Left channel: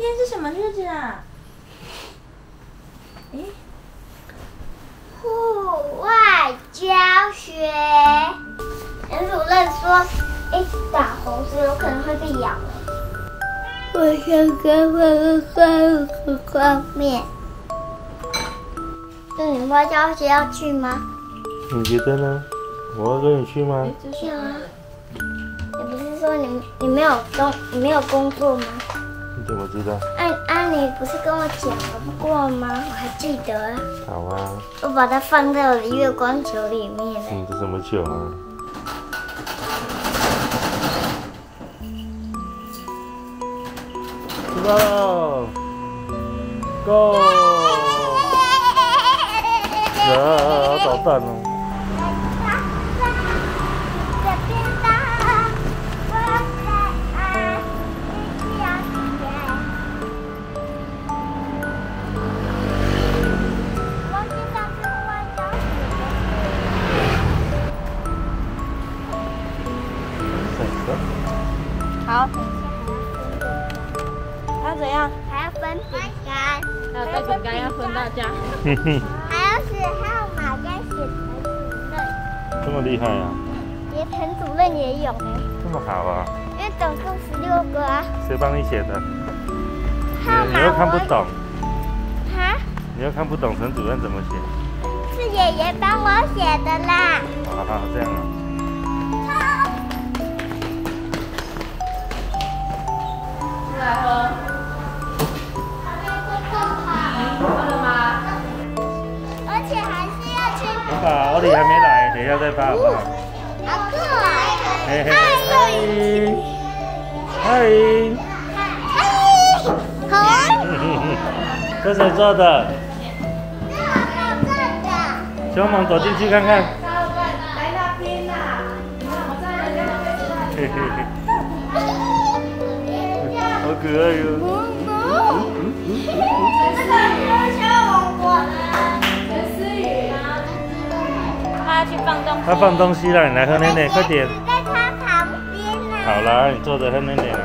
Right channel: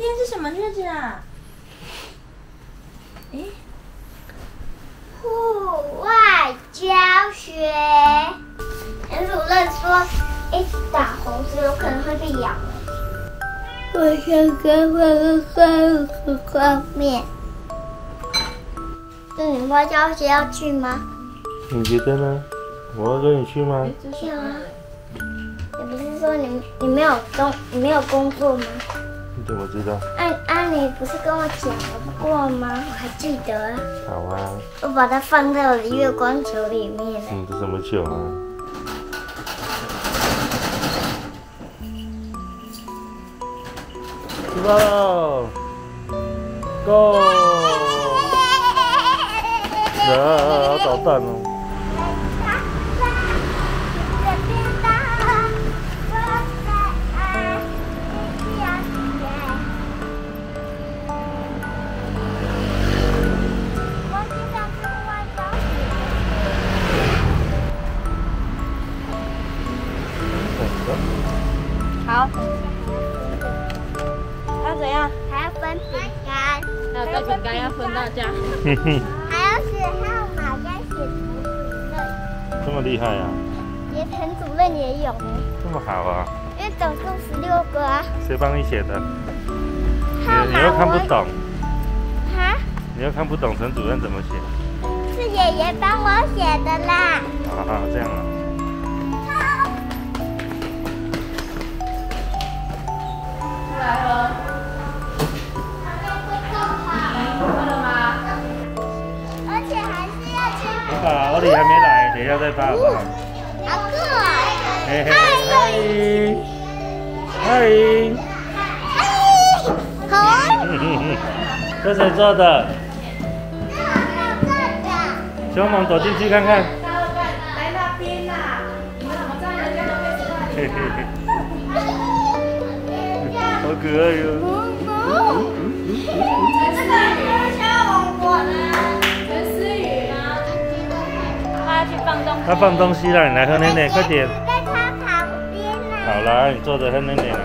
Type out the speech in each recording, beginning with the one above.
天是什么日子啊？诶，户外教学。陈主任说，一打红字有可能会被咬了。我想跟我画面。那你们教学要去吗？你觉得呢？我要跟你去吗？要啊。你不是说你没有工作吗？你怎么知道？你不是跟我讲过吗？我还记得。好啊。我把它放在我的月光球里面了。这什么球啊？出发喽 ！Go！ 好捣蛋哦。好。那怎样？还要分饼干，还有带饼干要分大家。还要写号码跟写陈主任。这么厉害啊！连陈主任也有呢。这么好啊！因为总共16个啊。谁帮你写的？你号码又看不懂。哈？你又看不懂陈主任怎么写？是爷爷帮我写的啦。啊，这样啊。爸，欧里还没来，等一下再发好不好？嘿嘿，嗨，好。这谁做的？小猛走进去看看。嘿嘿嘿，好可爱哟。他放东西了，你来喝奶奶，快点。在他旁边呢。好啦，你坐着喝奶奶啦。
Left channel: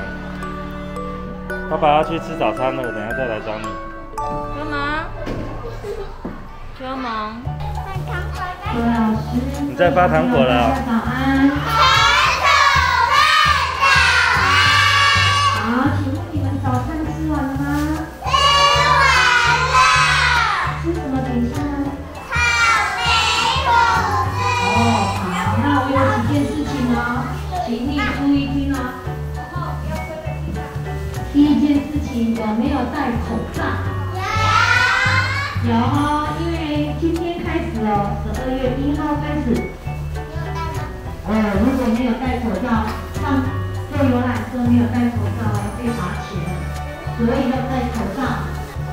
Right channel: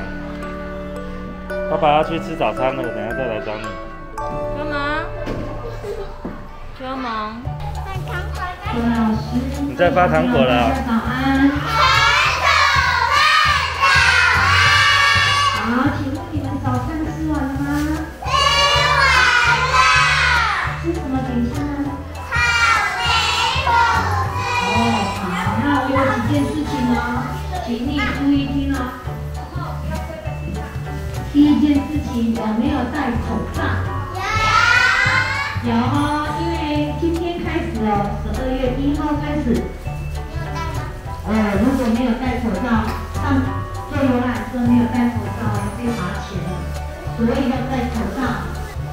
爸爸要去吃早餐了，我等下再来找你。帮忙，帮忙。你在发糖果了。早安。好，请问你们早餐吃完了吗？吃完了。吃什么点心？草莓哦，好，那我有几件事情哦，请你注意听哦。第一件事情，有没有戴口罩？有哦，因为今天开始哦，12月1号开始。如果没有戴口罩，上坐游览车没有戴口罩，被罚钱了。所以要戴口罩。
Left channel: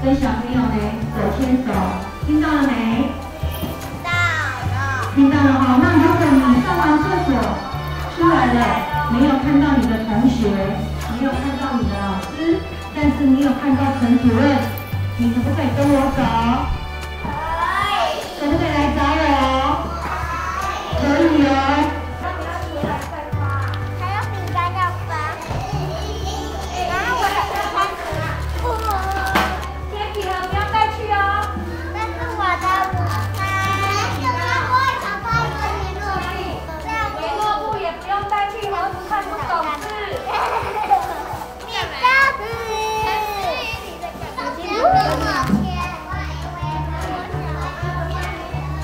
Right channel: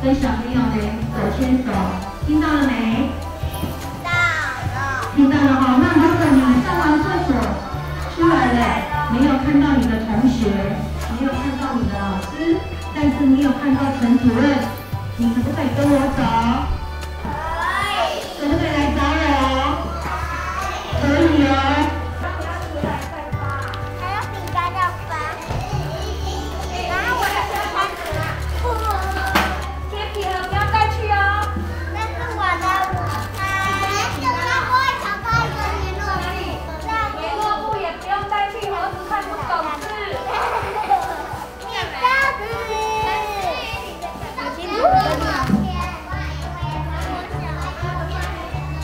跟小朋友呢手牵手，听到了没？听到了哈，那如果你上完厕所出来了，没有看到你的同学，没有看到你的老师，但是你有看到陈主任，你可不可以跟我走？可不可以来找我？可以哦。还有饼干要发。然后我还开始了。贴皮了，不要带去哦。这是我的午餐。联络簿也不用带去，儿子看不懂字。你家的。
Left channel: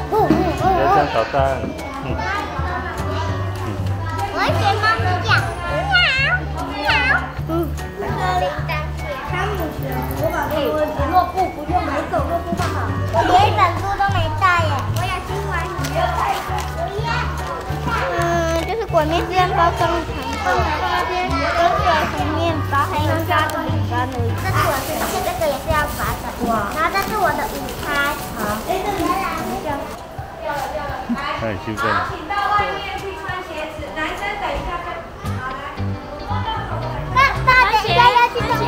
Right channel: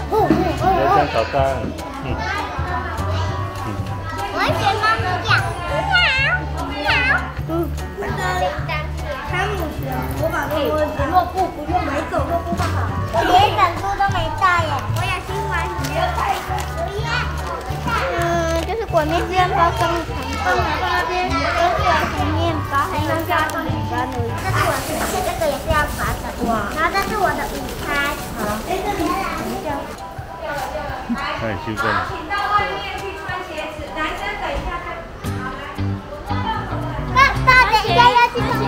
不要这样捣蛋。我会学猫咪叫喵喵。这个铃铛是汤姆熊，我把我的联络簿不用买走路簿就好。我连一本书都没带耶。我也是玩音乐就是滚面面包跟糖果，跟果子面包，还能加个饼干而已。这是我自己，这个也是要罚的。然后这是我的午餐。好。他很兴奋。请到外面去穿鞋子，男生等一下看。爸，等一下要去穿鞋。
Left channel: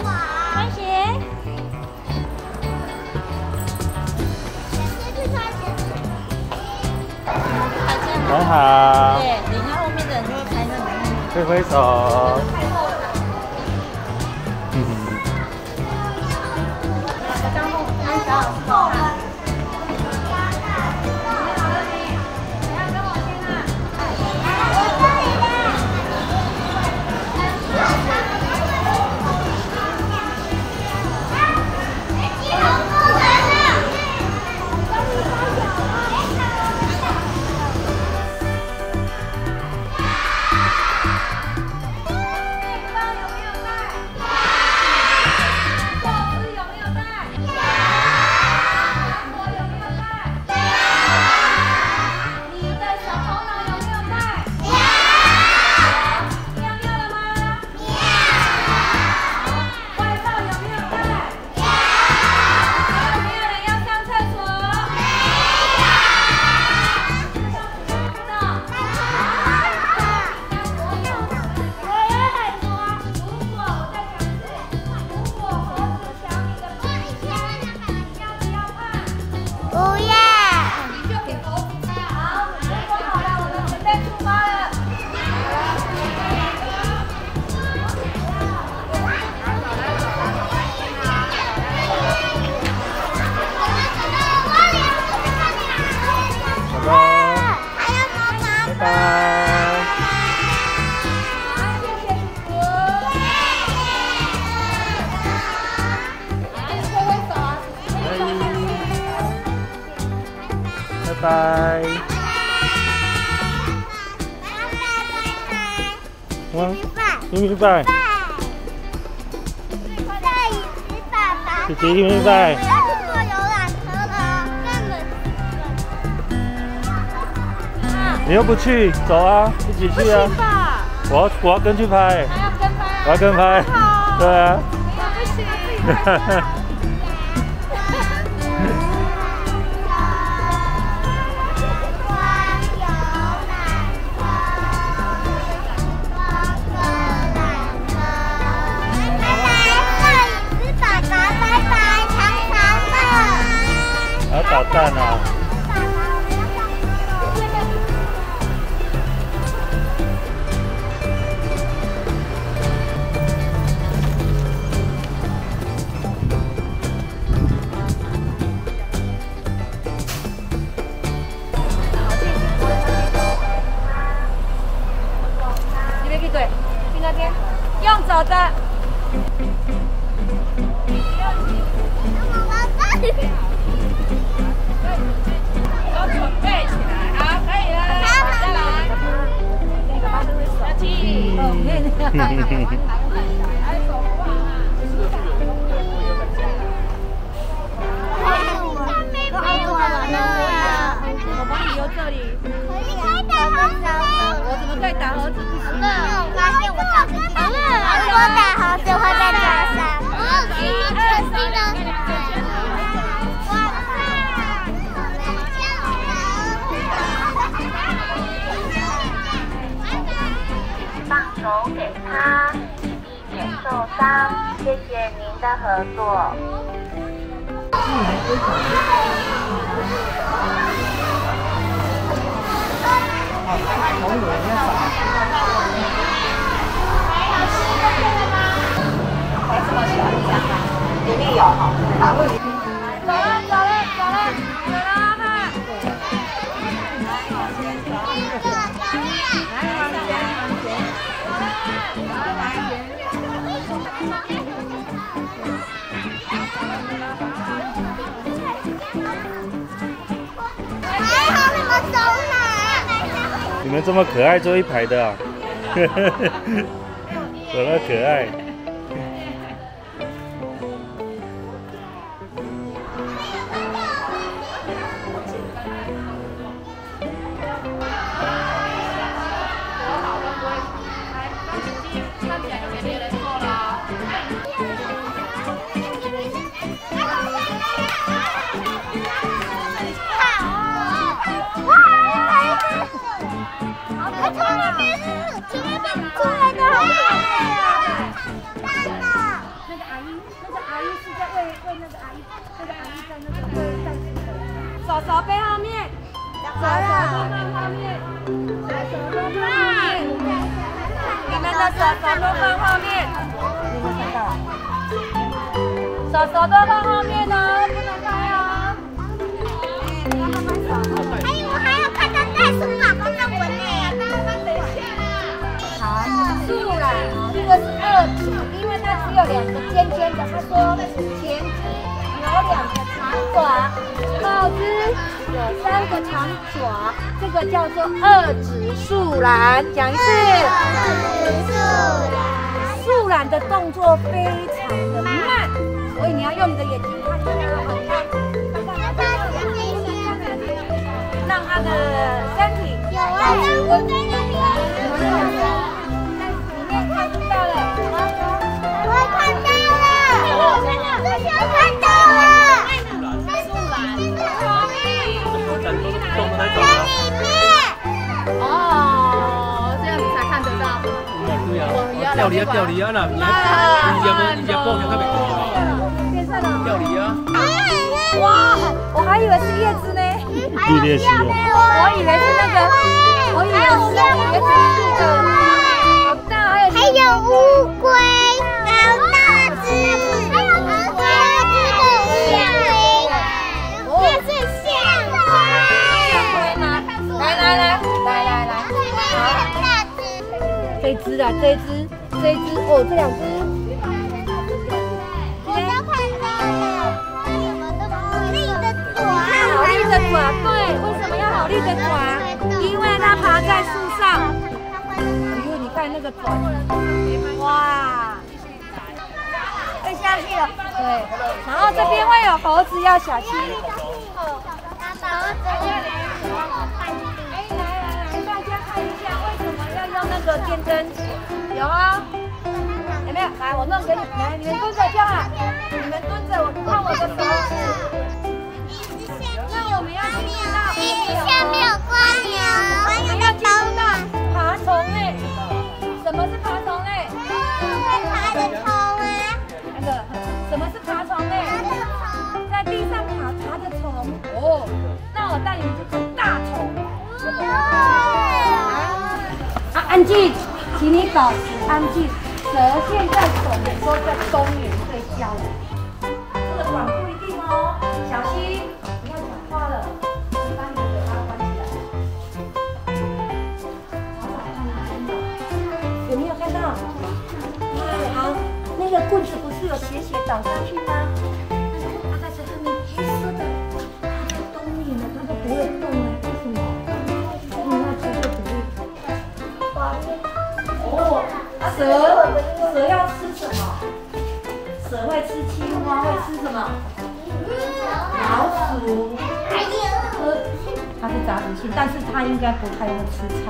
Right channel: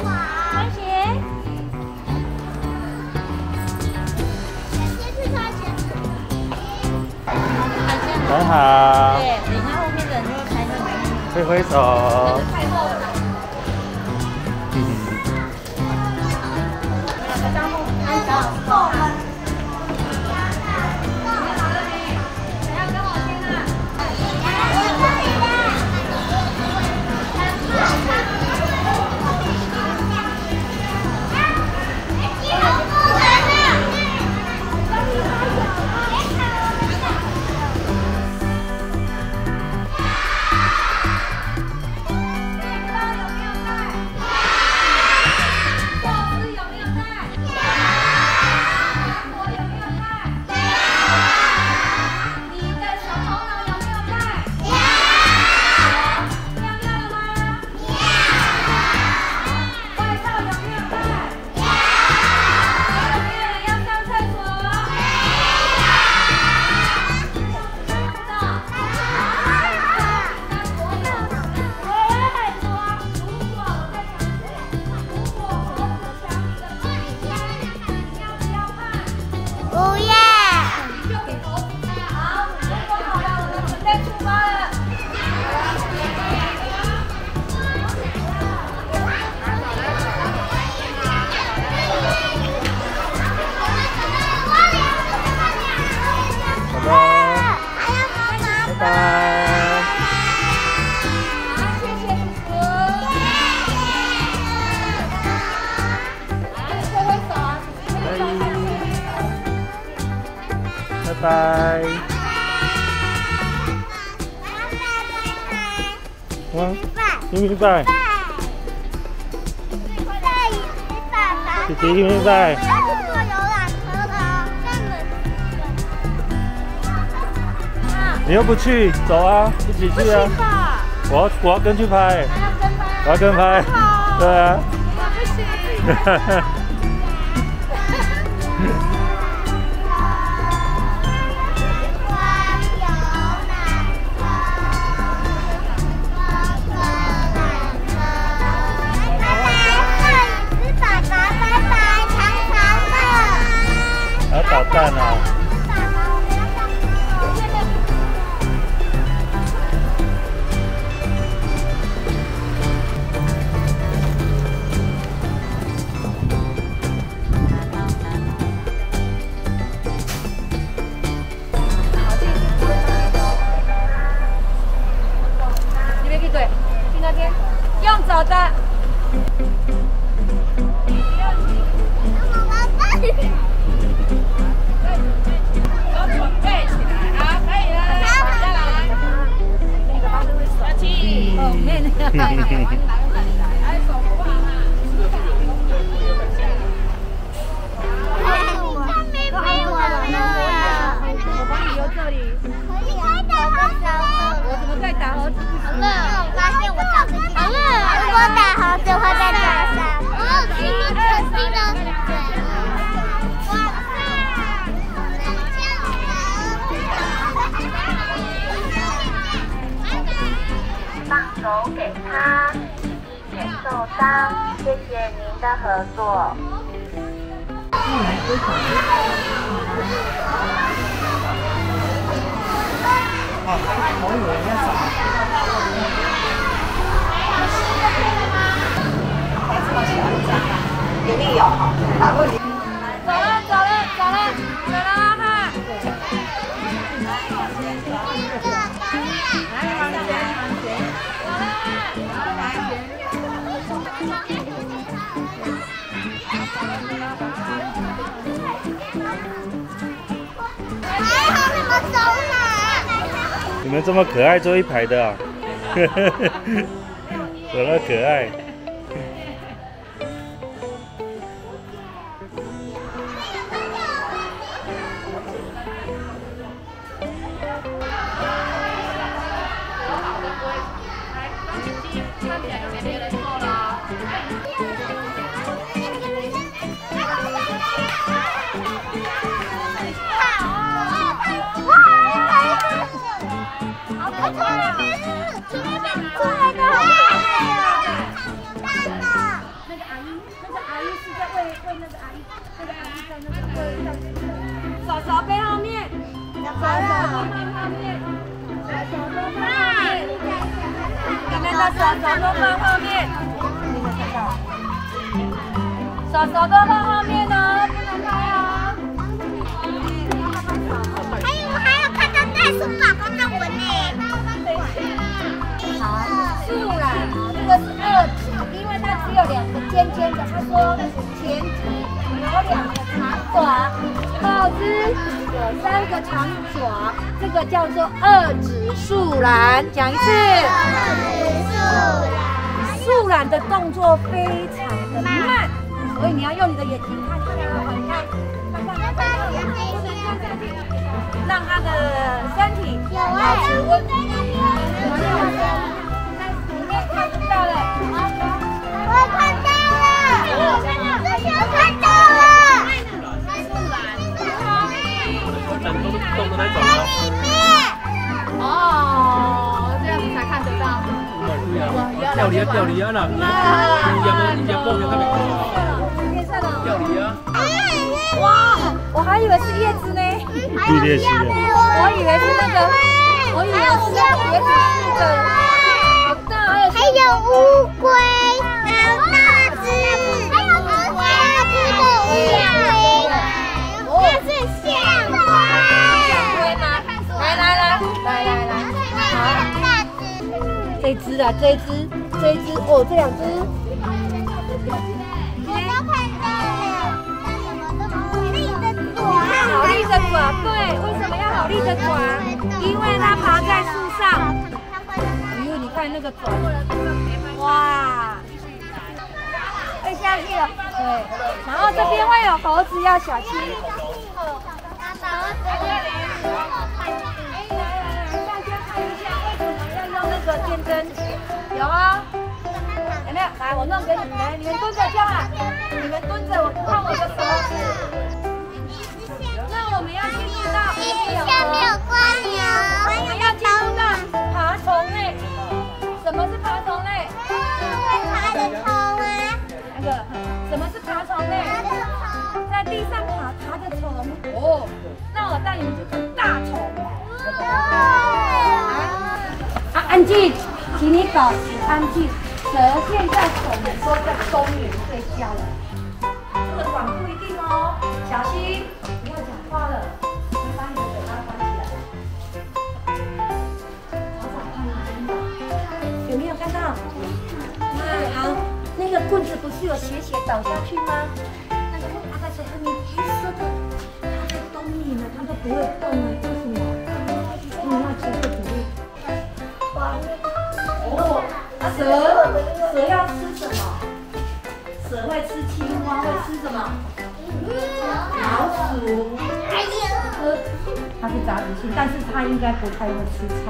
穿鞋。先去穿鞋。很好。对，你看后面的人都开那门。挥挥手。拜。嗯，明白。姐姐明白。你又不去，走啊，一起去啊！我要跟去拍，我要跟拍，对啊。不行。要捣蛋啊！你别去对，去那边，用走的。都准备起来，好，可以了，再来。跟你爸爸挥手。如果打好就会被打伤。哦，是你肯定的嘴。放手给他，避免受伤。谢谢您的合作。里面有哈，打过去。还好你们走哪？你们这么可爱，坐一排的啊，走那可爱。手手背后面，手手都放后面，手手都放后面，你们的手手都放后面，手手都放后面哦，不能拍哦。还有看到袋鼠宝宝在闻呢。树懒哦，这个是2指，因为它只有2个尖尖的。他说前肢有2个长爪，后肢有3个长爪，这个叫做2指树懒。讲一次。树懒的动作非常的慢，所以你要用你的眼睛看一下哦，你看，让它的身体保持温度。里面看不到了，我看到了，这些看到了。在里面。哦，这样子才看得到。钓鱼啊，那哇，我还以为是叶子呢。绿鬣蜥啊！我以为是那个，我以为是那个叶子树的。还有乌龟，好大只，还有乌龟的这是象龟。来来，好，这只啊，这只，哦，这2只。我都看到了，你看还有个爪，对，为什么？在那个转。哇！会下去了。对。然后这边会有猴子，要小心。大家看一下，为什么要用那个电灯？有啊。有没有？来，我弄给你们，你们蹲着就好。你们蹲着，我看我的手。那我们要进入到我们要进入到爬虫类。什么是爬虫类？爬的虫啊。那个，什么是爬虫类？在地上爬的虫。哦，那我带你们去看大虫。安静，请你保持安静。蛇现在我们说在公园睡觉了，这个管不一定哦，小心，不要讲话了，你把你的嘴巴关起来。找找看哪里有没有看到？好，那个棍子不是有斜倒下去吗？但是阿盖手上面黑色的，它在冬眠了，它都不会动哎，为什么？因为它接受鼓励。哦。蛇要吃什么？蛇会吃青蛙，会吃什么？老鼠。它是杂食性，但是它应该不太会吃菜。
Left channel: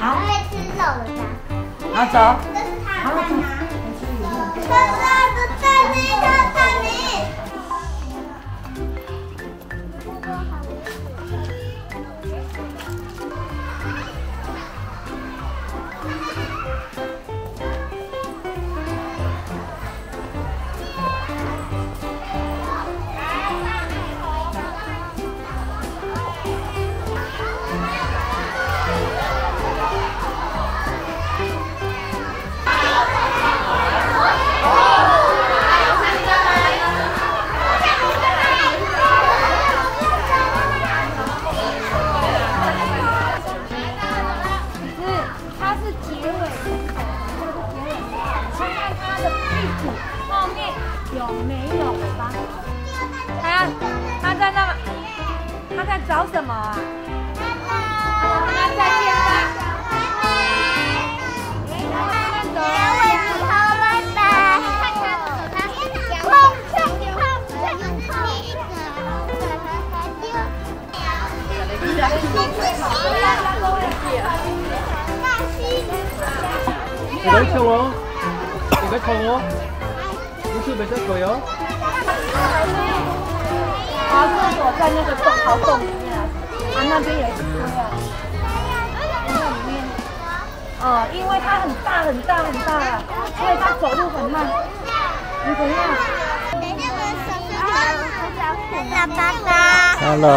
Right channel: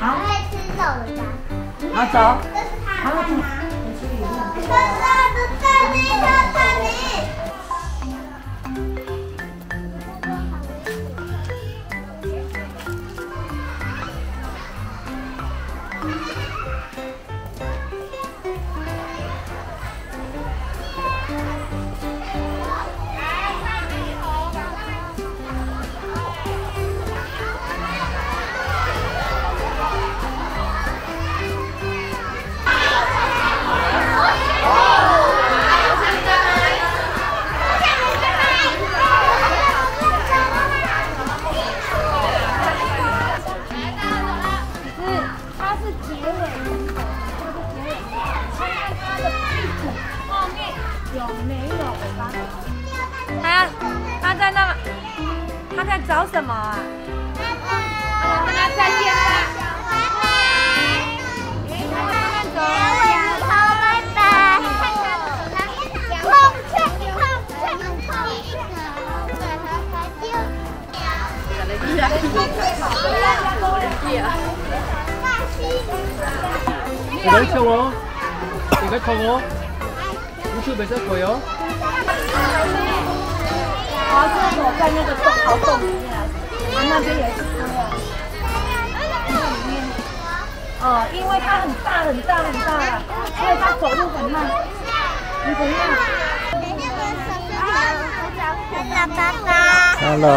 好。会吃肉的。好走。这是它。好，走。有没有尾巴？他在那，他在找什么啊？跟他再见吧。拜拜。人气最好的，大家都会看。你别冲哦，你别冲哦。就没在鬼哦。爬厕所在那个壕洞里面啊，那边有一只龟啊，那里面，因为它很大了，所以它走路很慢。你怎样？爸爸。Hello。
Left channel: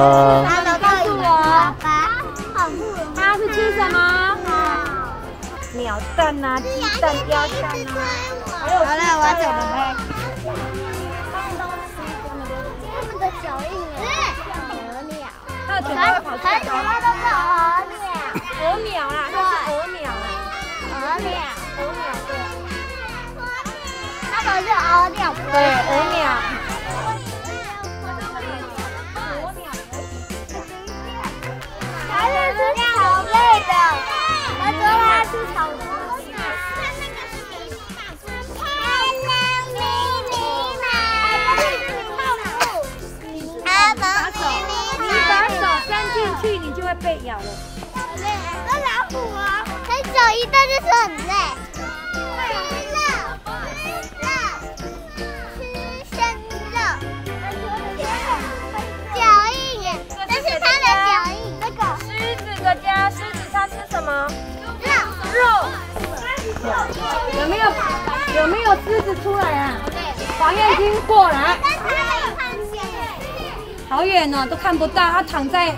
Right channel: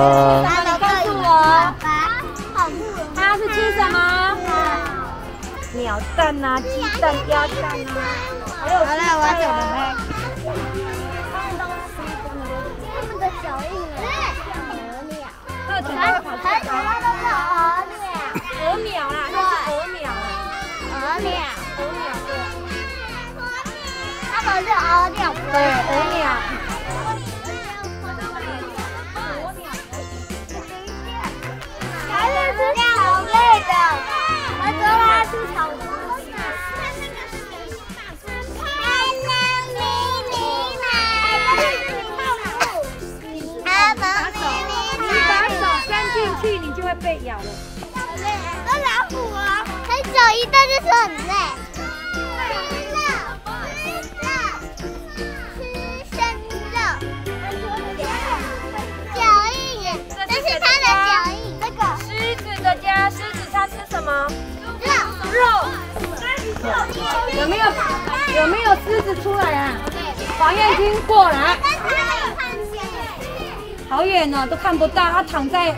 告诉我，它是吃什么？鸟蛋啊，鸡蛋、鸭蛋啊，还有其他的呢。它的嘴巴会跑出来吗？鹅鸟啦，那是鹅鸟。它们是鹅鸟，不是水鸟。它是吃草类的，我说它吃草类。去你就会被咬了。那老虎啊，很久一段就是很累。吃生肉，脚印耶，这是它的脚印。这个狮子的家，狮子它吃什么？肉。有没有狮子出来啊？好远经过了。好远呢，都看不到，它躺在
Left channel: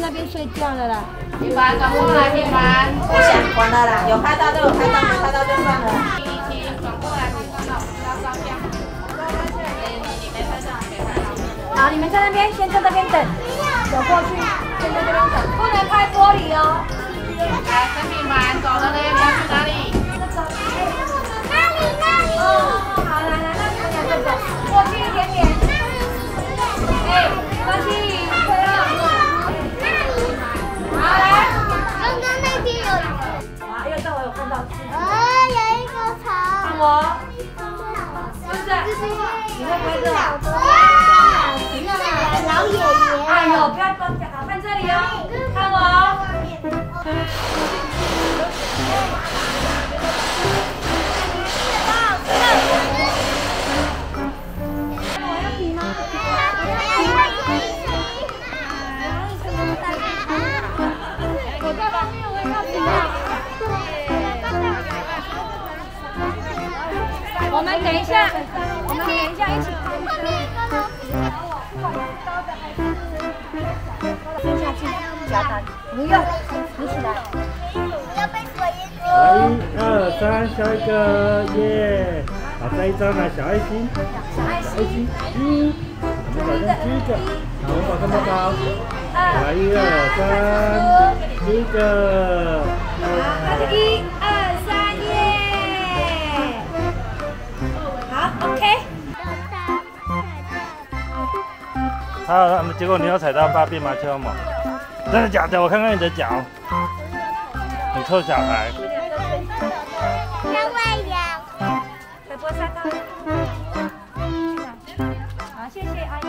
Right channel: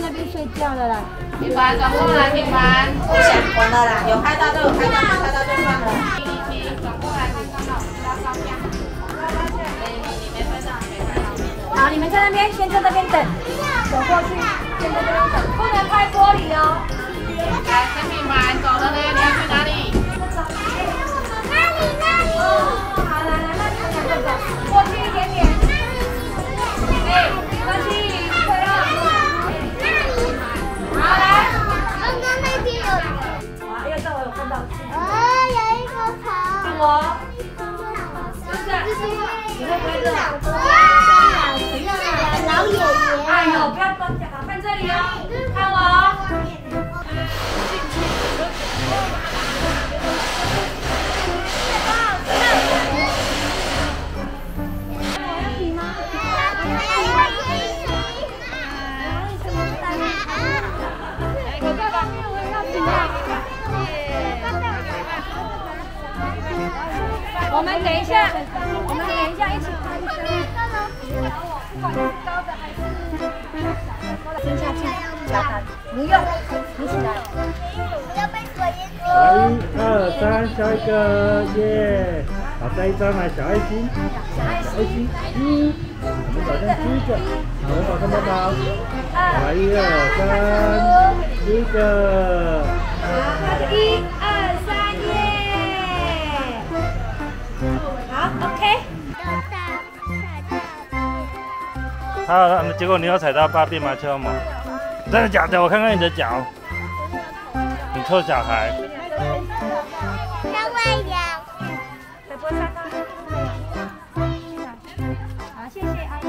那边睡觉了啦。你玩搞不好你玩不想玩了啦，有拍到就有拍到，没拍到就算了啦。好，你们在那边先在那边等，走过去，不能拍玻璃哦。来，跟你玩，走了呢，你要去哪里？好，来，过去一点点。过去，对了。好，来。刚刚那边有。哇，又你会拍这吗？老爷爷。哎呦，不要看这里哦，看我哦。我们等一下一起拍一张。蹲下去，脚打，不用，扶起来。要被水淹死。好，1、2、3，笑一个，耶！好，再一张来，小爱心，爱心1，就好像第一个，头往上面高。好，1、2、3，第一个。 1、2、3，耶！好 ，OK。结果你有踩到大便吗，秋萌？真的假的？我看看你的脚。你臭小孩。跟我一样。好，谢谢阿姨。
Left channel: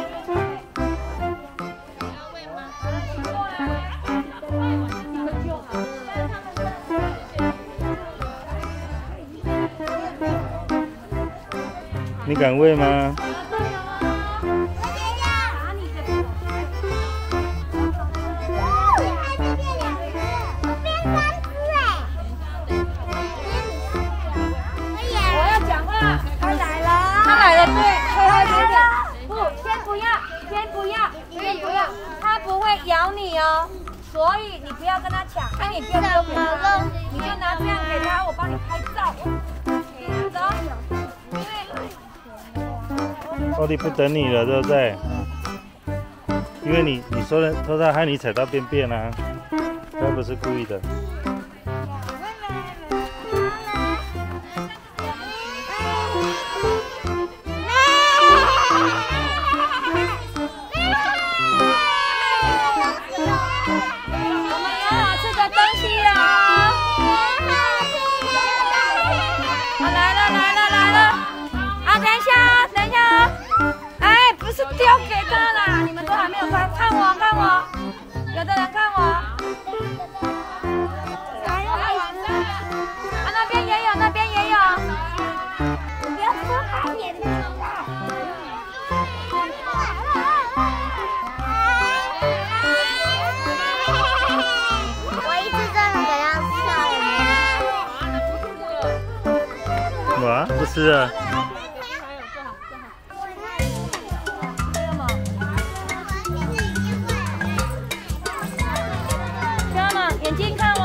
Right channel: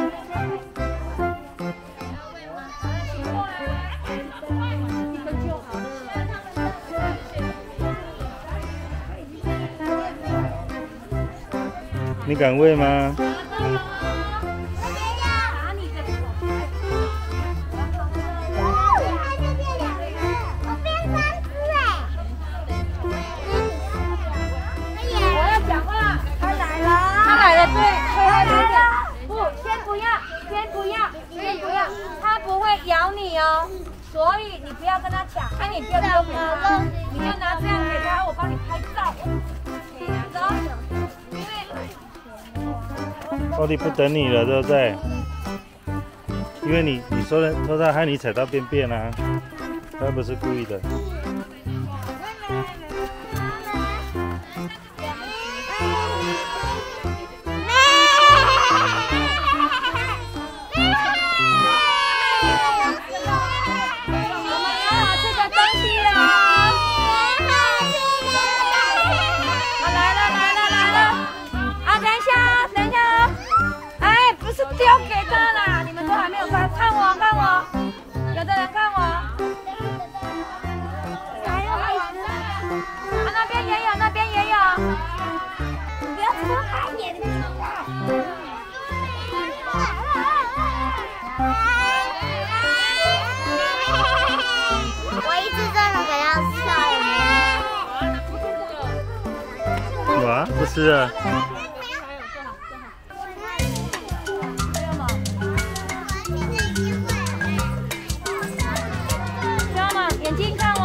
你敢喂吗？咬你哦，所以你不要跟他抢，你不要丢给他，你就拿这样给他，我帮你拍照。欧弟不等你了，对不对？因为你说他害你踩到便便啊，他不是故意的。哇，不吃啊！眼睛看我。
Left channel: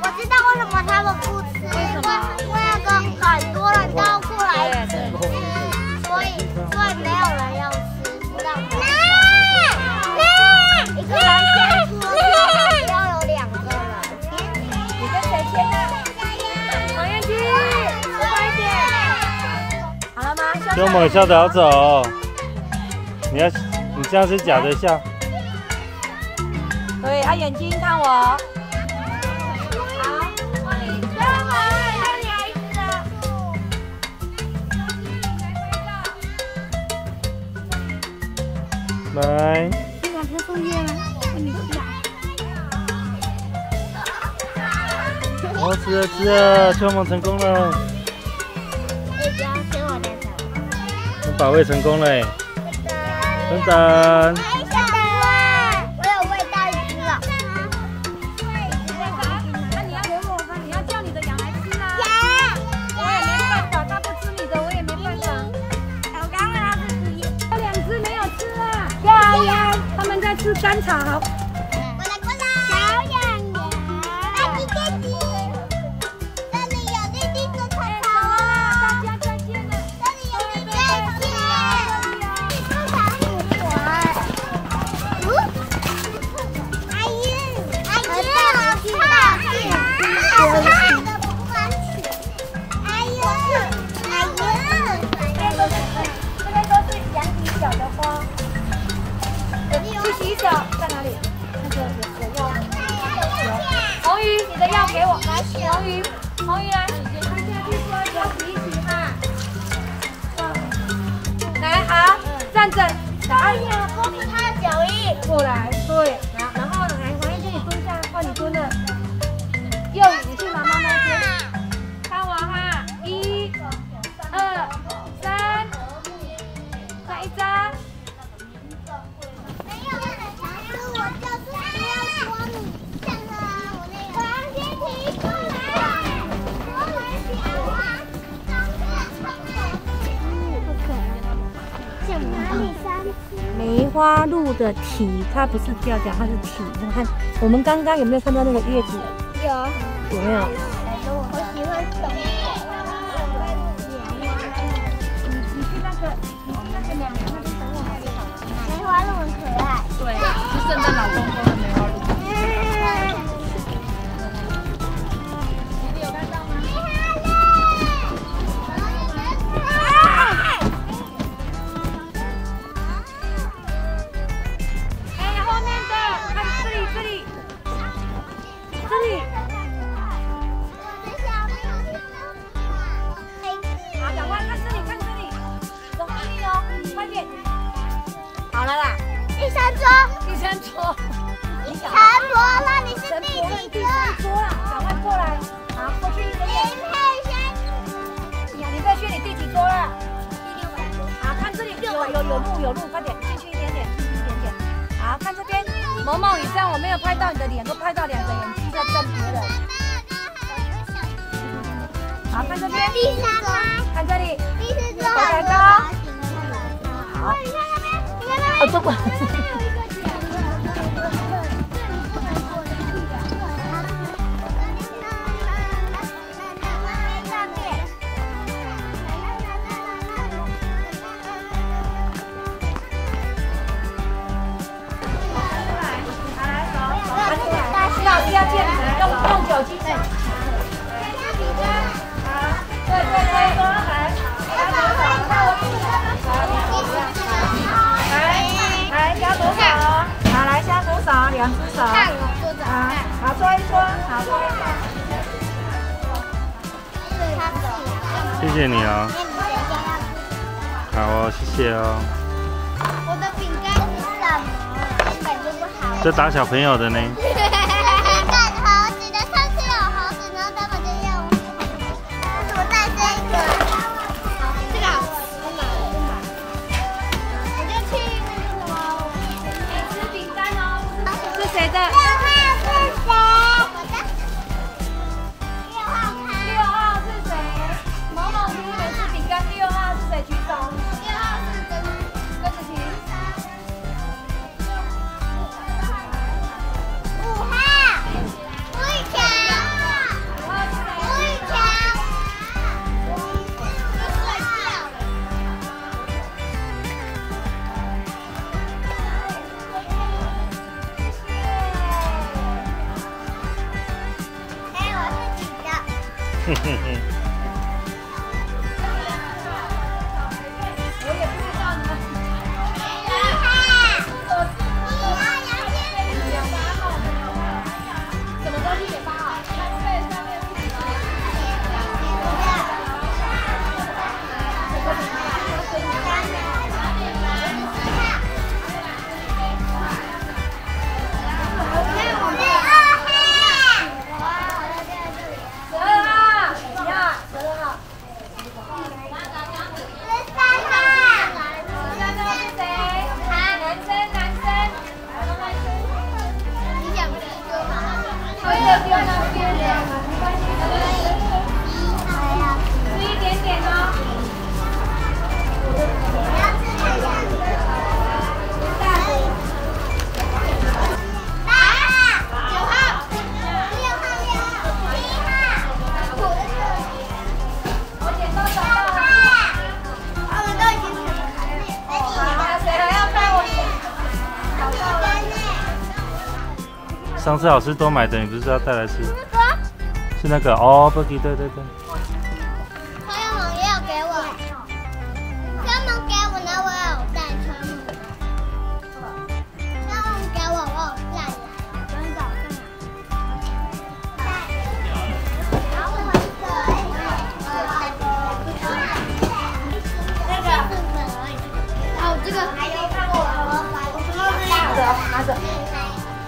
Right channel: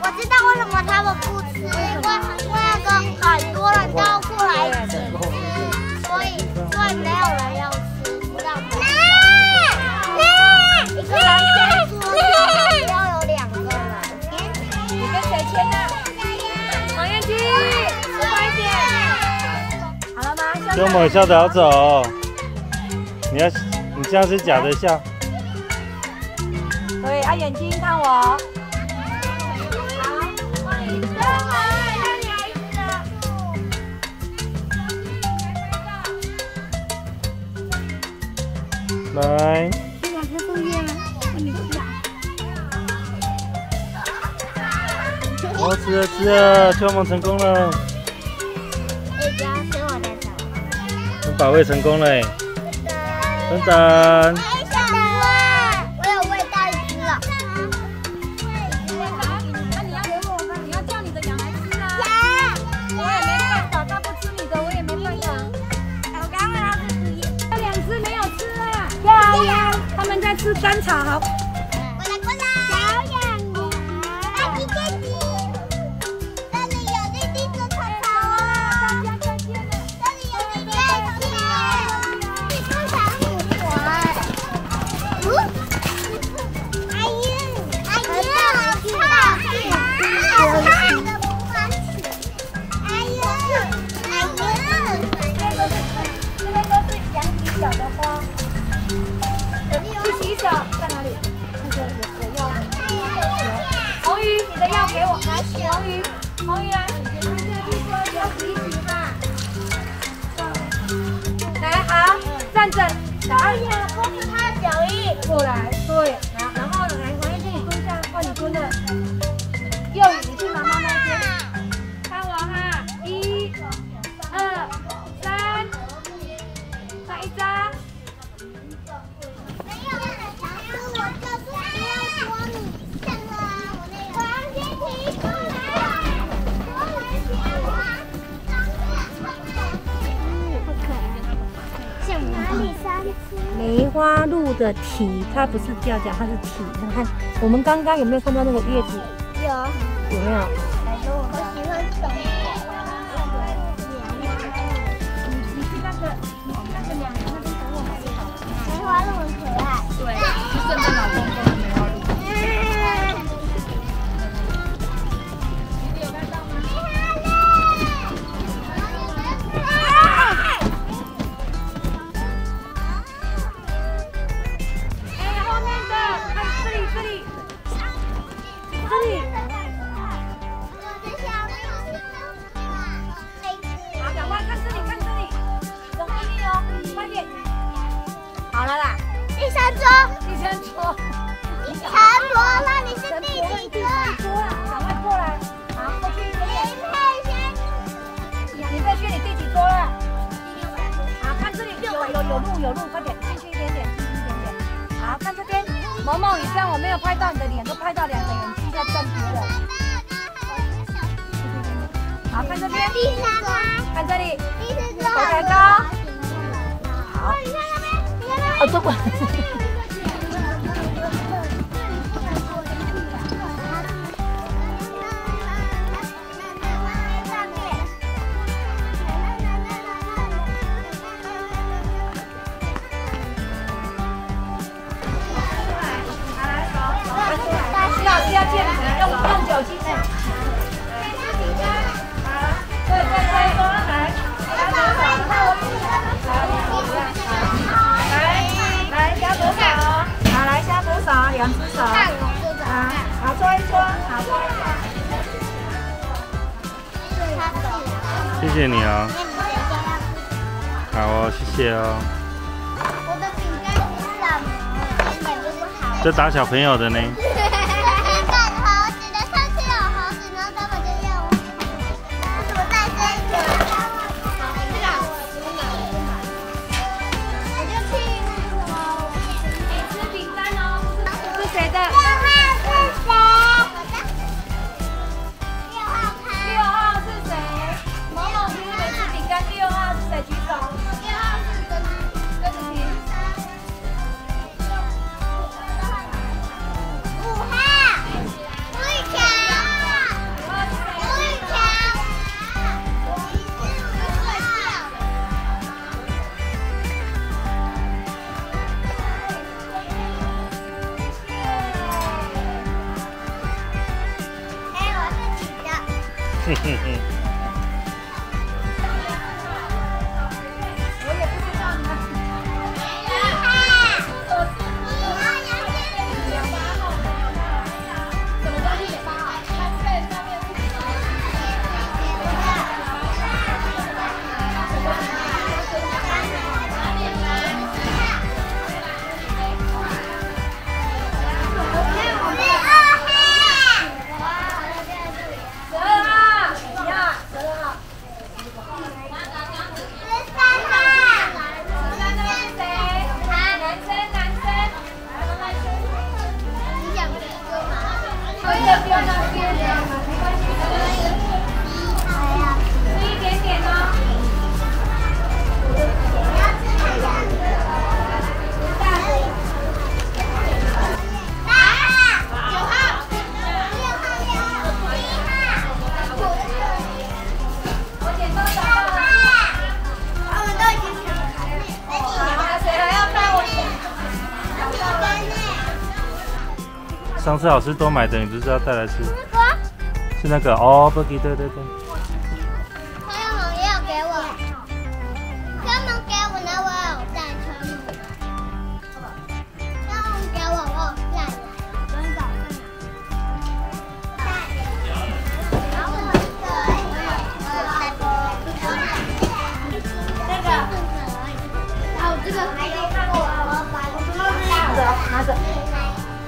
我知道为什么他们不吃，因为那个很多人都过来一起吃，所以没有人要吃，知道吗？一个人先说，要有2个人。你跟谁签的？王彦君，快一点。好了吗？秋萌笑得好走，你这样是假的笑。对，眼睛看我。来。哦，吃了，秋萌成功了。把喂成功了，等等。我有喂到一只了。那你要给我吗？你要叫你的羊来吃啊。我也没办法，他不吃你的，我也没办法。我刚刚他是2只没有吃啊。他们在吃甘草。过来，小羊，阿吉姐姐，这里有绿绿的草草哦，这里有绿绿的草草。阿姨，好胖的不敢吃。阿姨，这都是羊皮小的包。去洗手，在哪里？给我，来，红鱼来，要提取哈。来，好，站着，来，他的脚印。过来，对，然后来，黄燕君，你蹲下，换你蹲的。幼宇，你去妈妈那边。看我哈，1、2、3，再一张。没有，我就是要捉你，看了我那个。黄燕君过来，过来小花，梅花鹿的体，它不是叫脚，它是体。你看，我们刚刚有没有看到那个叶子？有没有？我喜欢懂。梅花鹿很可爱。对，是圣诞老公公的梅花鹿。好，赶快看这里，看这里，你的后面哦，快点。好了啦，第三桌。陈伯，那你是第几桌？赶快过来。好，过去一点。你再去，你第几桌了？好，看这里有路，快点，进去一点点。好，看这边，萌萌，你这样我没有拍到你的脸，都拍到2个眼睛在正边了。好，看这边。第三吗？看这里。第四桌。好高。好，你看那边，你看那边。哦，这个。用酒精的。来，加左手，好，来加左手，2只手，好，搓一搓，好，搓一搓。谢谢你哦。好哦，谢谢哦。我的饼干是什么？根本就不好。这打小朋友的呢。嘿嘿嘿。上次老师多买的，你不是要带来吃？是那个哦 ，Buggy， 对对对。他要给我，他们给我呢，我有带他们。他们给我，我有带来，真的。拿着。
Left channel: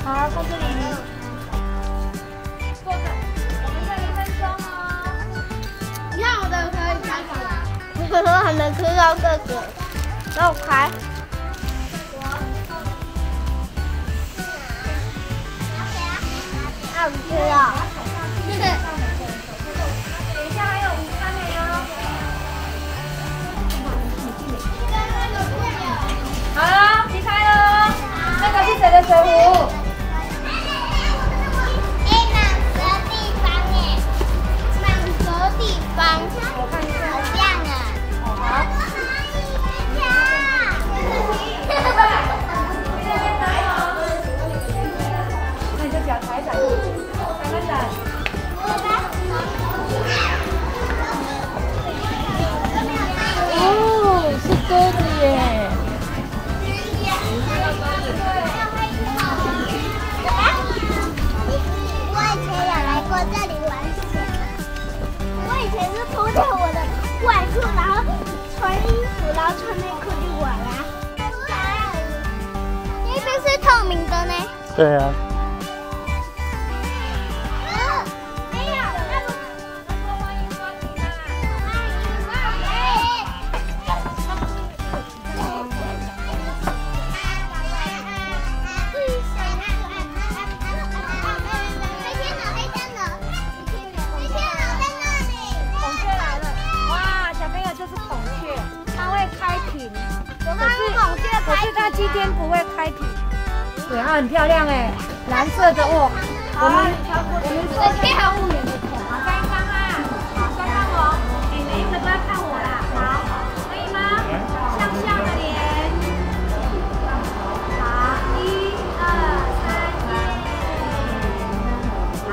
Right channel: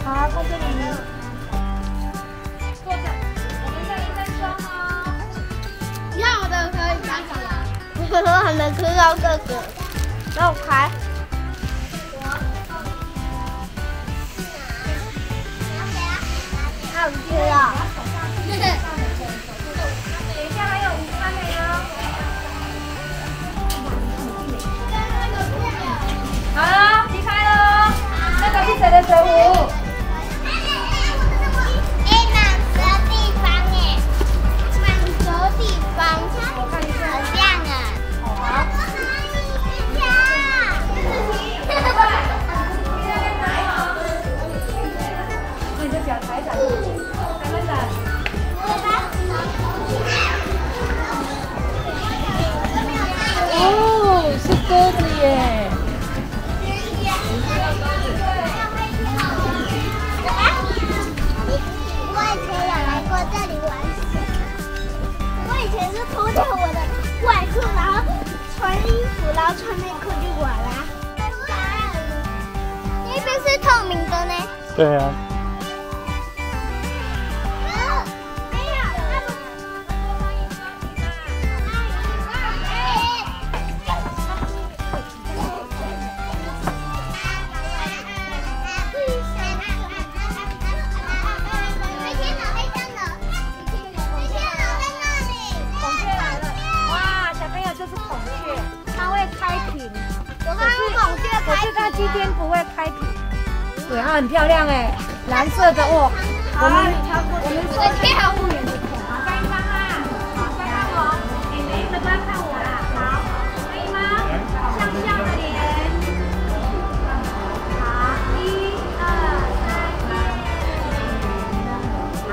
好，这是你。坐着，我们再1分钟哦。要的可以开始。我还没吃到这个，让我开。好吃哦。等一下还有午餐的哟。好了，离开了。那个是谁的水壶？我看一下。好。那你就脚踩一踩，踩一踩。哦，是鸽子耶。我以前有来过这里玩水，我以前是脱掉我的外裤，然后穿衣服，然后穿内裤去玩啊。那边是透明的呢。对啊。可是它今天不会开屏，对，它很漂亮哎，蓝色的哦。我们是跳物园的孔，该看啊，该看我，每一个都要看我啦，好，可以吗？向下的脸，好，1、2、3，好，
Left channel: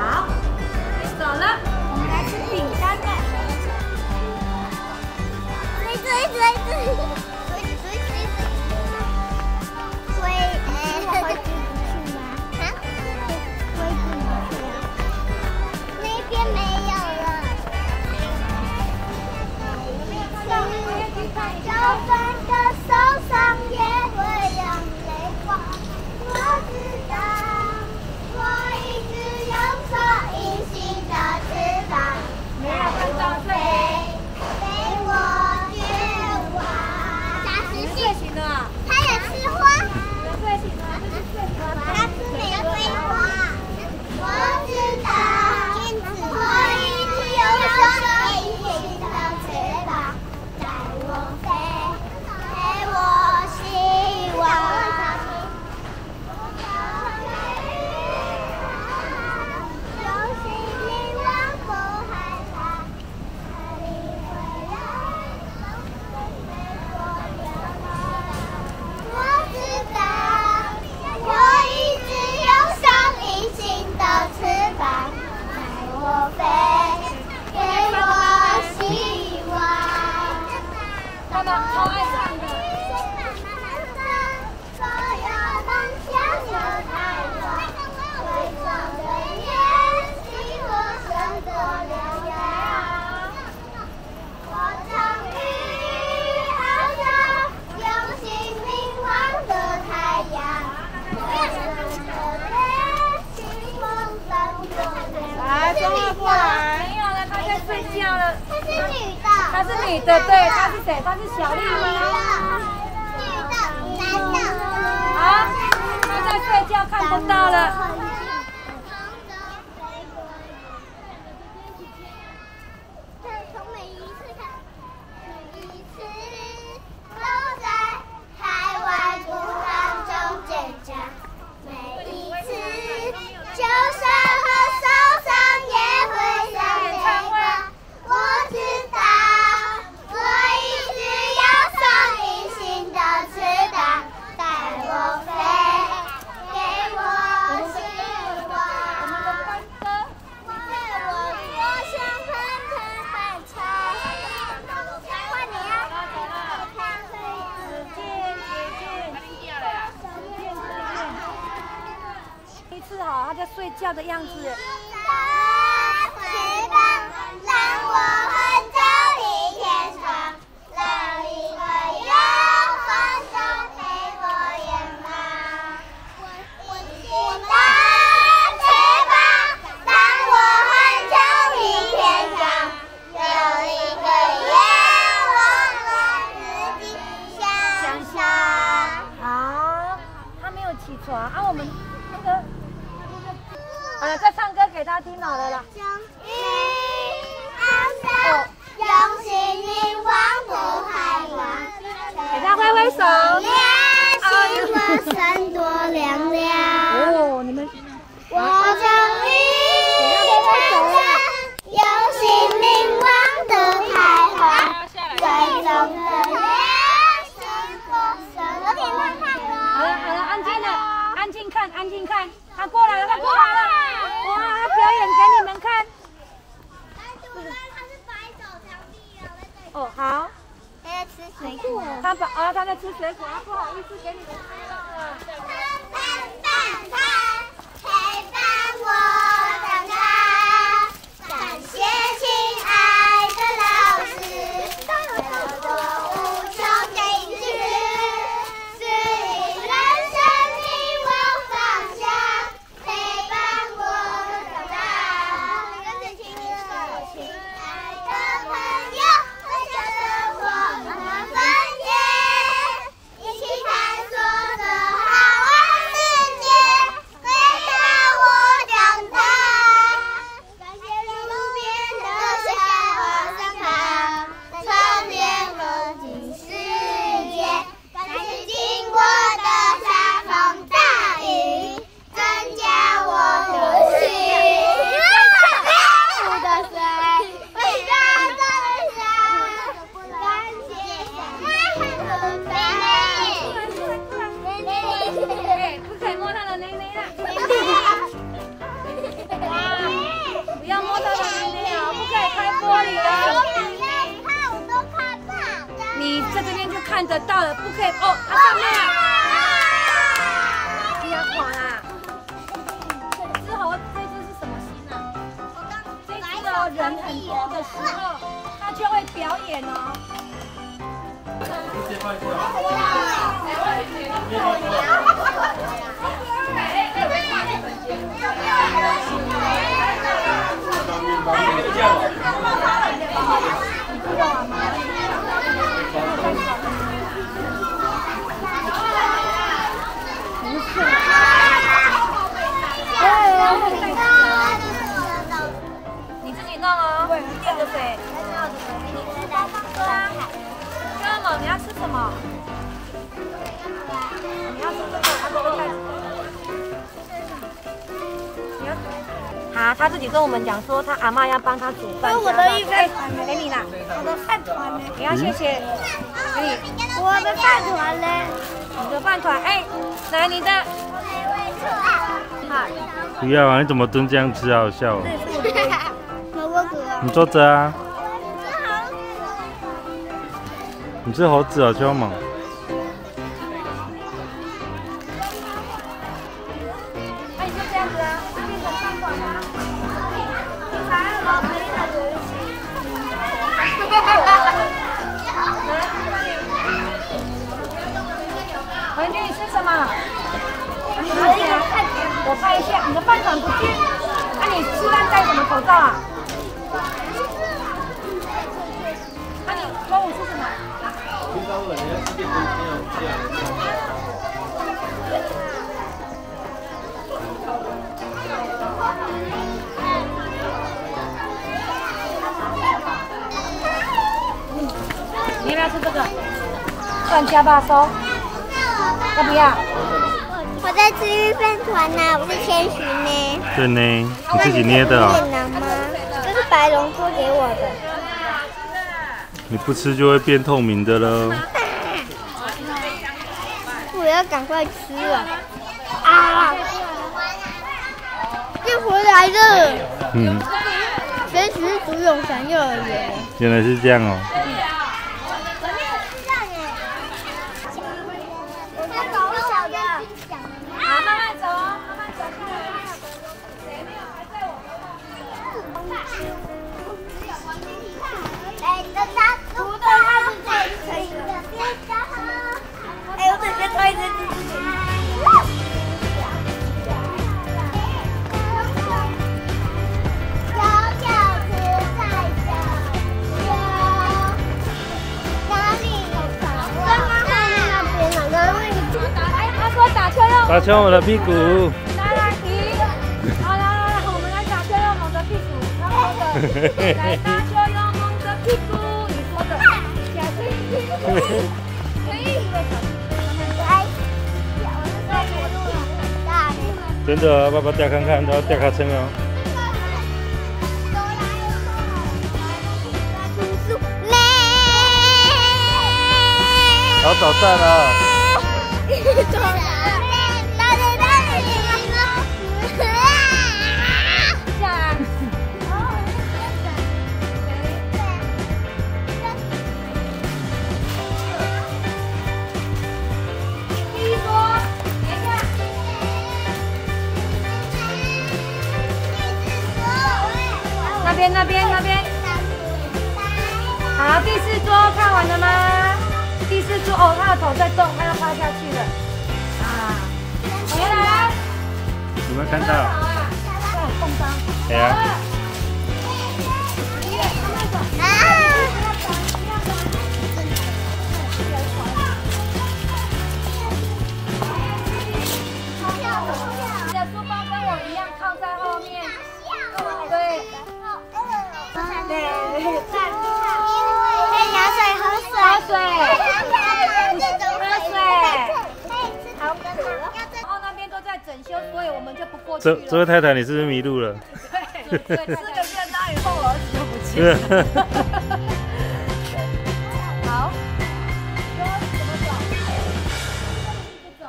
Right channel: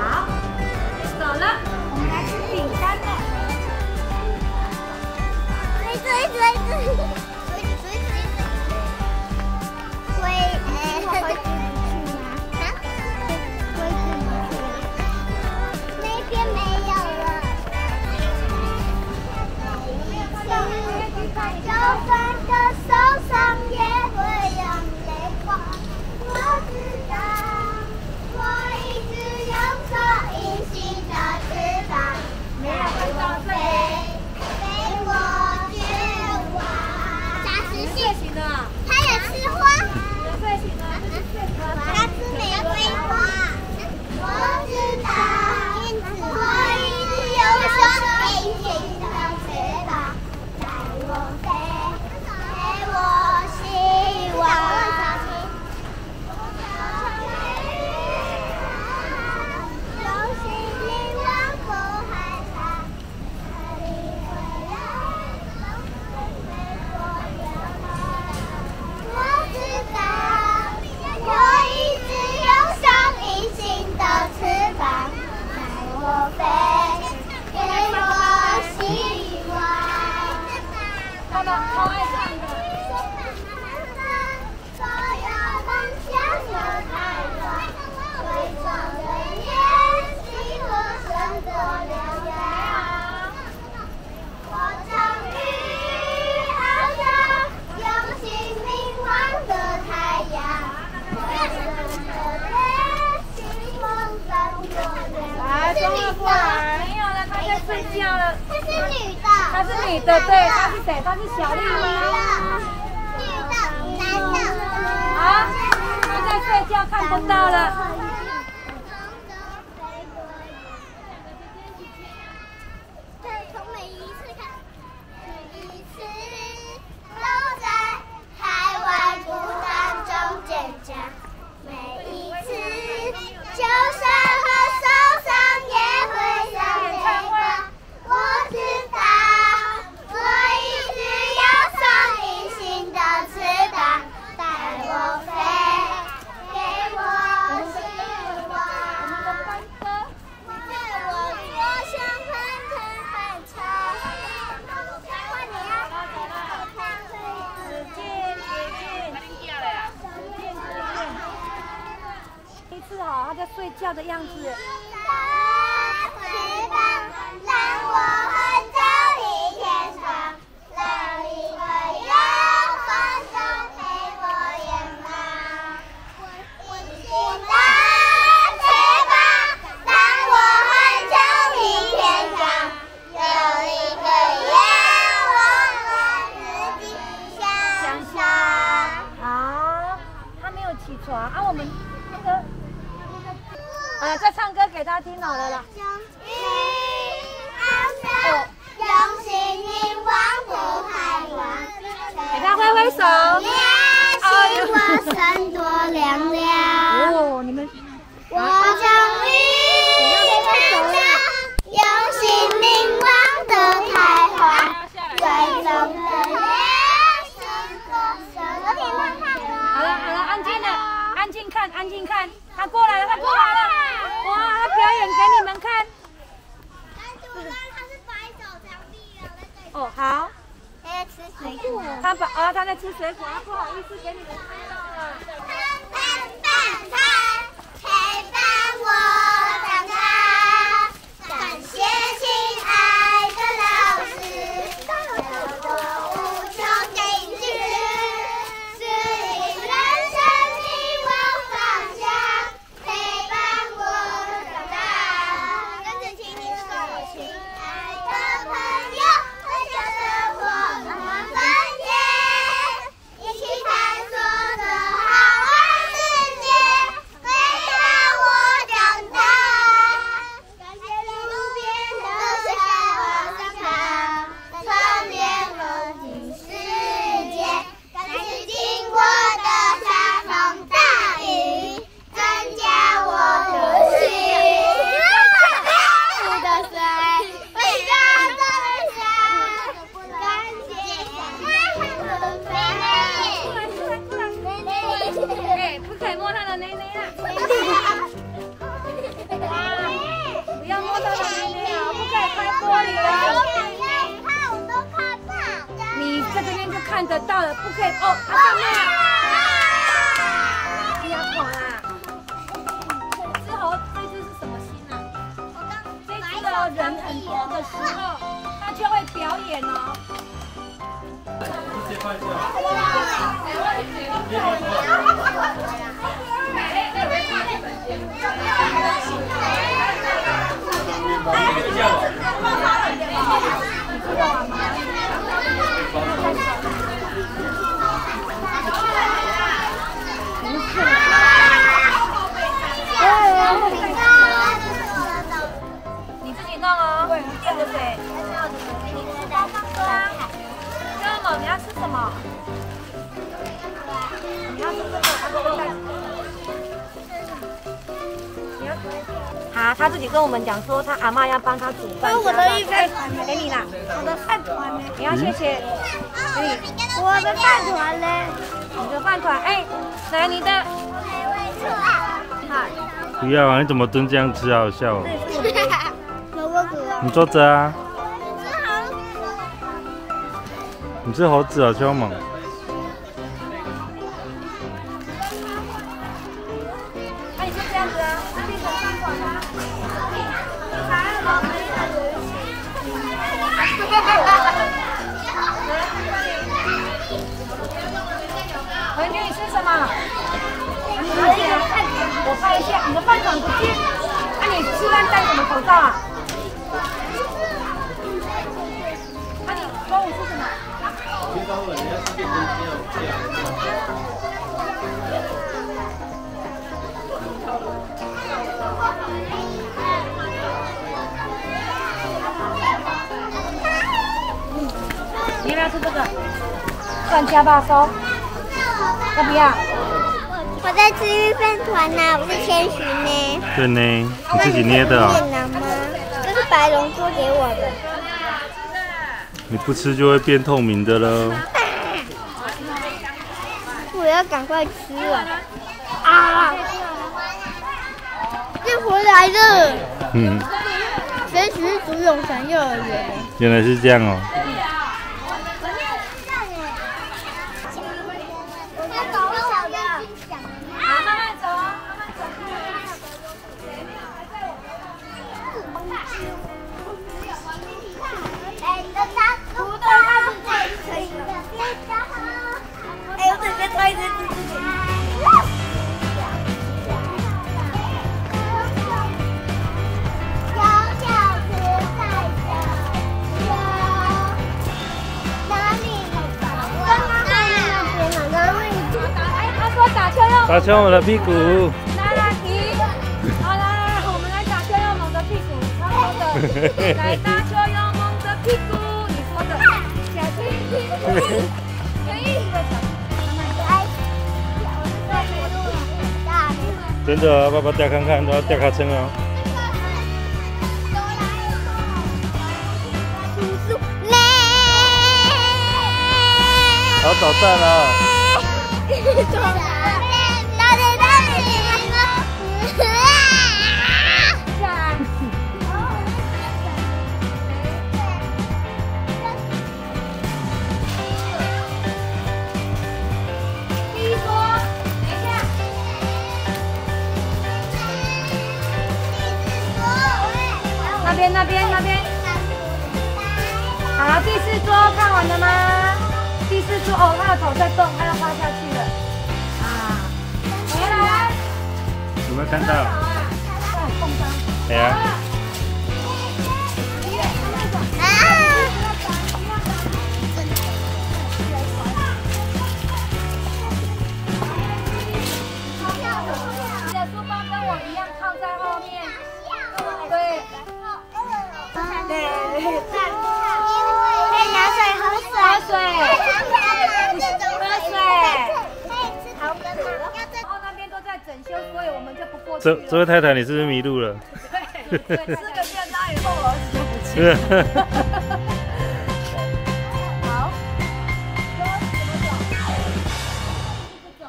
走了，紧张的，追。女的，对，她是谁？她是小丽哦。女的，男的。好，她在睡觉，看不到了。他在睡觉的样子。我耍啊，我们那个，再唱歌给他听好了啦。用心灵王的海王，给他挥挥手。心我身多凉凉。哦，你们，我终于看到有心灵王的开花，最终的脸是我生活。好了，安静了，安静看，安静看，他过来了，他过来了，我表演给你们看。哦，好。还在吃水果。他在吃水果，不好意思给你们拍到了。陪伴我长大，感谢亲爱的老师，给我无穷的知识，人生你我放下，陪伴我长大。跟着听你说，亲爱的朋友，微笑生活慢慢繁衍，一起探索这好玩世界，陪伴我长大。感谢路边的小花香草，缠绵我进世界。感谢经过的沙风大雨，增加我的心。我的水，伟大的山，感谢妹妹。不可以摸他的内内啦！不要摸他的内内啊！不可以开玻璃啊！我都看到。你在这边就看得到了，不可以哦。不要跑啦！之后这只是什么星啊？这只的人很多的时候，它就会表演哦。你自己弄哦，垫着水。哥们，你要吃什么？你要吃这个，这个袋子。你要？好，他自己跟我们讲说，他阿嬷要帮他煮饭。我的一饭团给你啦，我的饭团呢？你要谢谢。我的饭团呢？你的饭团，哎，来你的。好。不要啊！你怎么蹲这样吃？好笑哦。你坐着啊。你是猴子啊，凶猛！那你就这样子啊，变成饭团啊。你还要老可以的游戏。文君，你吃什么？我一个饭团，我拍一下，你的饭团不见。那你吃饭戴什么口罩啊？听说人家世界杯这样。你要不要吃这个？蒜加巴烧，要不要？我在吃鱼饭团呢，我是千寻呢。对呢，你自己捏的啊？越南吗？这是白龙做给我的。你不吃就会变透明的了。我要赶快吃了。啊！又回来了。谁是读永祥幼儿园的？原来是这样哦。打敲我的屁股。真的，爸爸掉看看，都要掉卡称哦。好捣蛋啊！有没有看到？哎呀！你的书包跟我一样靠在后面。对。拿水喝水。好渴。那边都在整修，所以我们就不过去。这位太太，你是不是迷路了？对，吃个便当以后，我儿子就不见了。好，说怎么走？不走，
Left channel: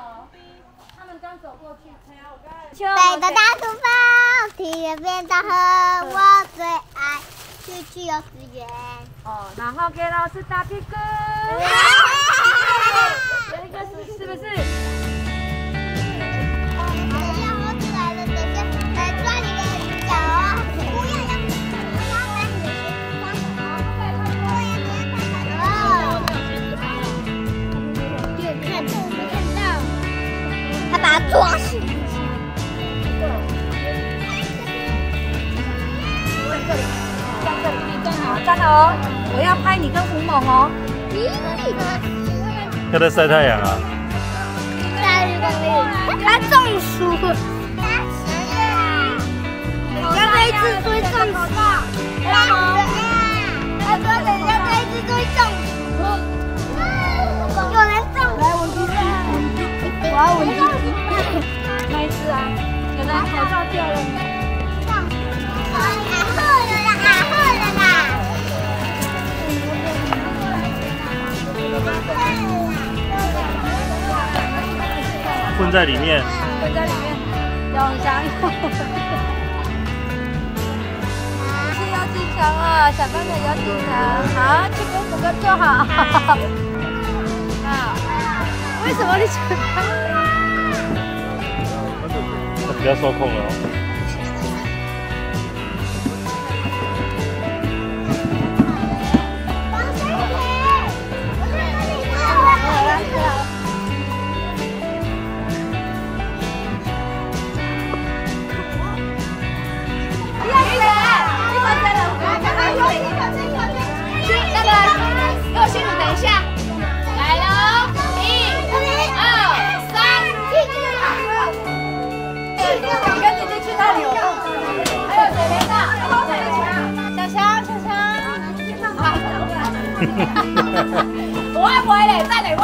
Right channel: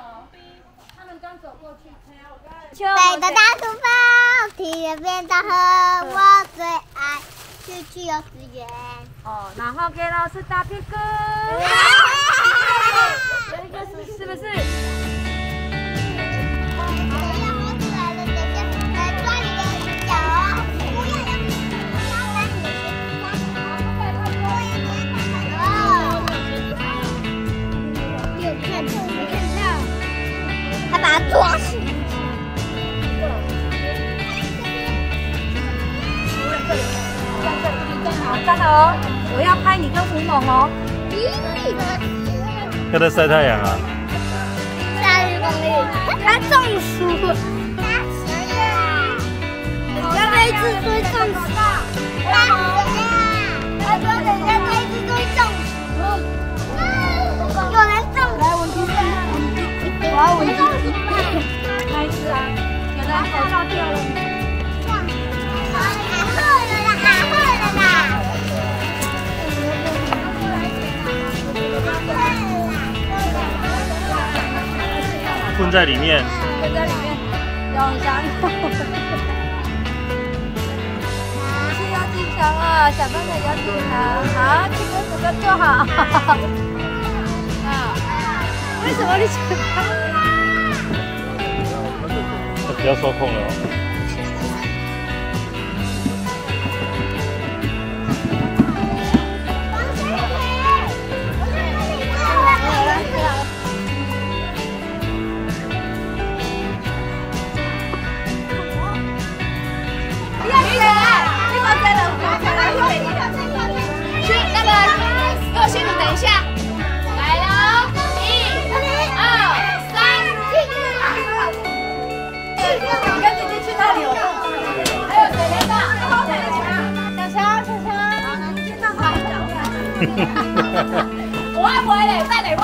他们刚走过去。背着大书包，提着便当盒，我最爱去幼稚园。哦，然后给老师打屁股。有一个是不是？抓死！站这里，站好，站好哦！我要拍你跟胡猛哦。要在晒太阳啊！30公里，他中暑了。要这一次追中暑。他说等一下这一次追中暑。有人中暑。来，我们我要闻鸡鸡，来吃啊！原来口罩掉了。混在里面。混在里面，永祥有。你是有经常啊，小朋友有经常。好，去跟哥哥坐好。为什么你喜欢？他比较受控了哦。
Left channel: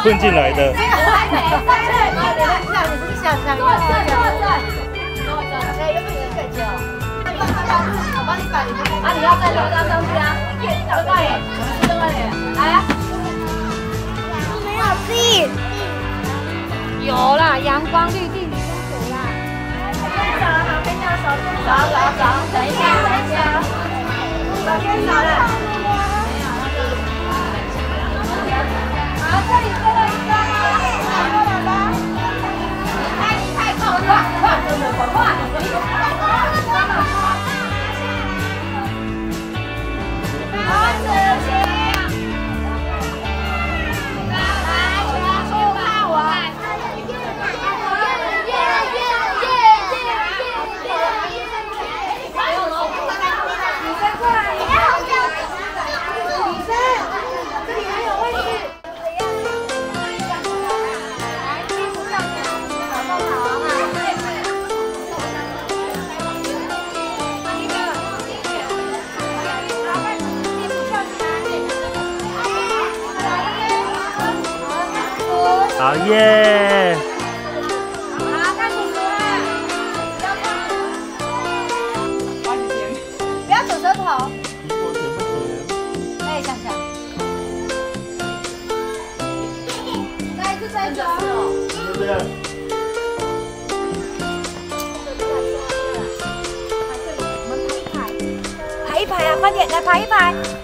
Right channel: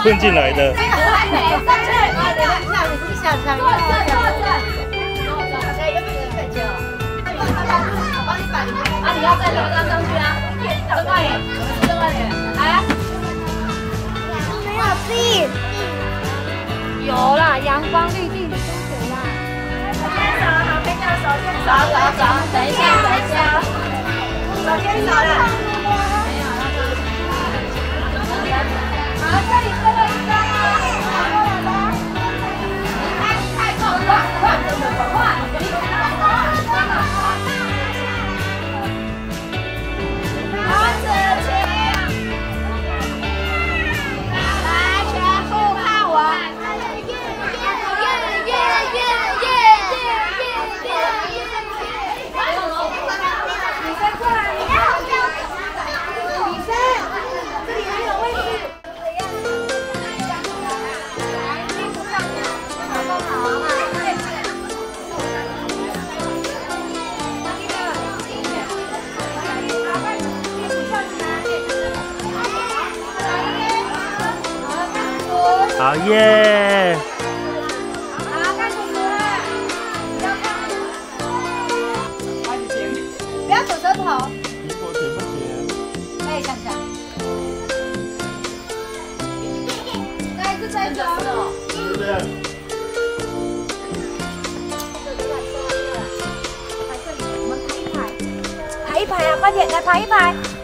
混进来的。你是小强幼儿园。啊，你要再留张上去啊！这块脸，这块脸，来啊！有啦，阳光绿地，你跟谁啦？手牵手，旁边的手牵手，等一下，手牵手啦。好，这里最后一张。太靠了，快，快！好。好耶！好，看你。不要吐舌头。苹果甜不甜？哎，想想。是不是？排一排啊，快点来排一排。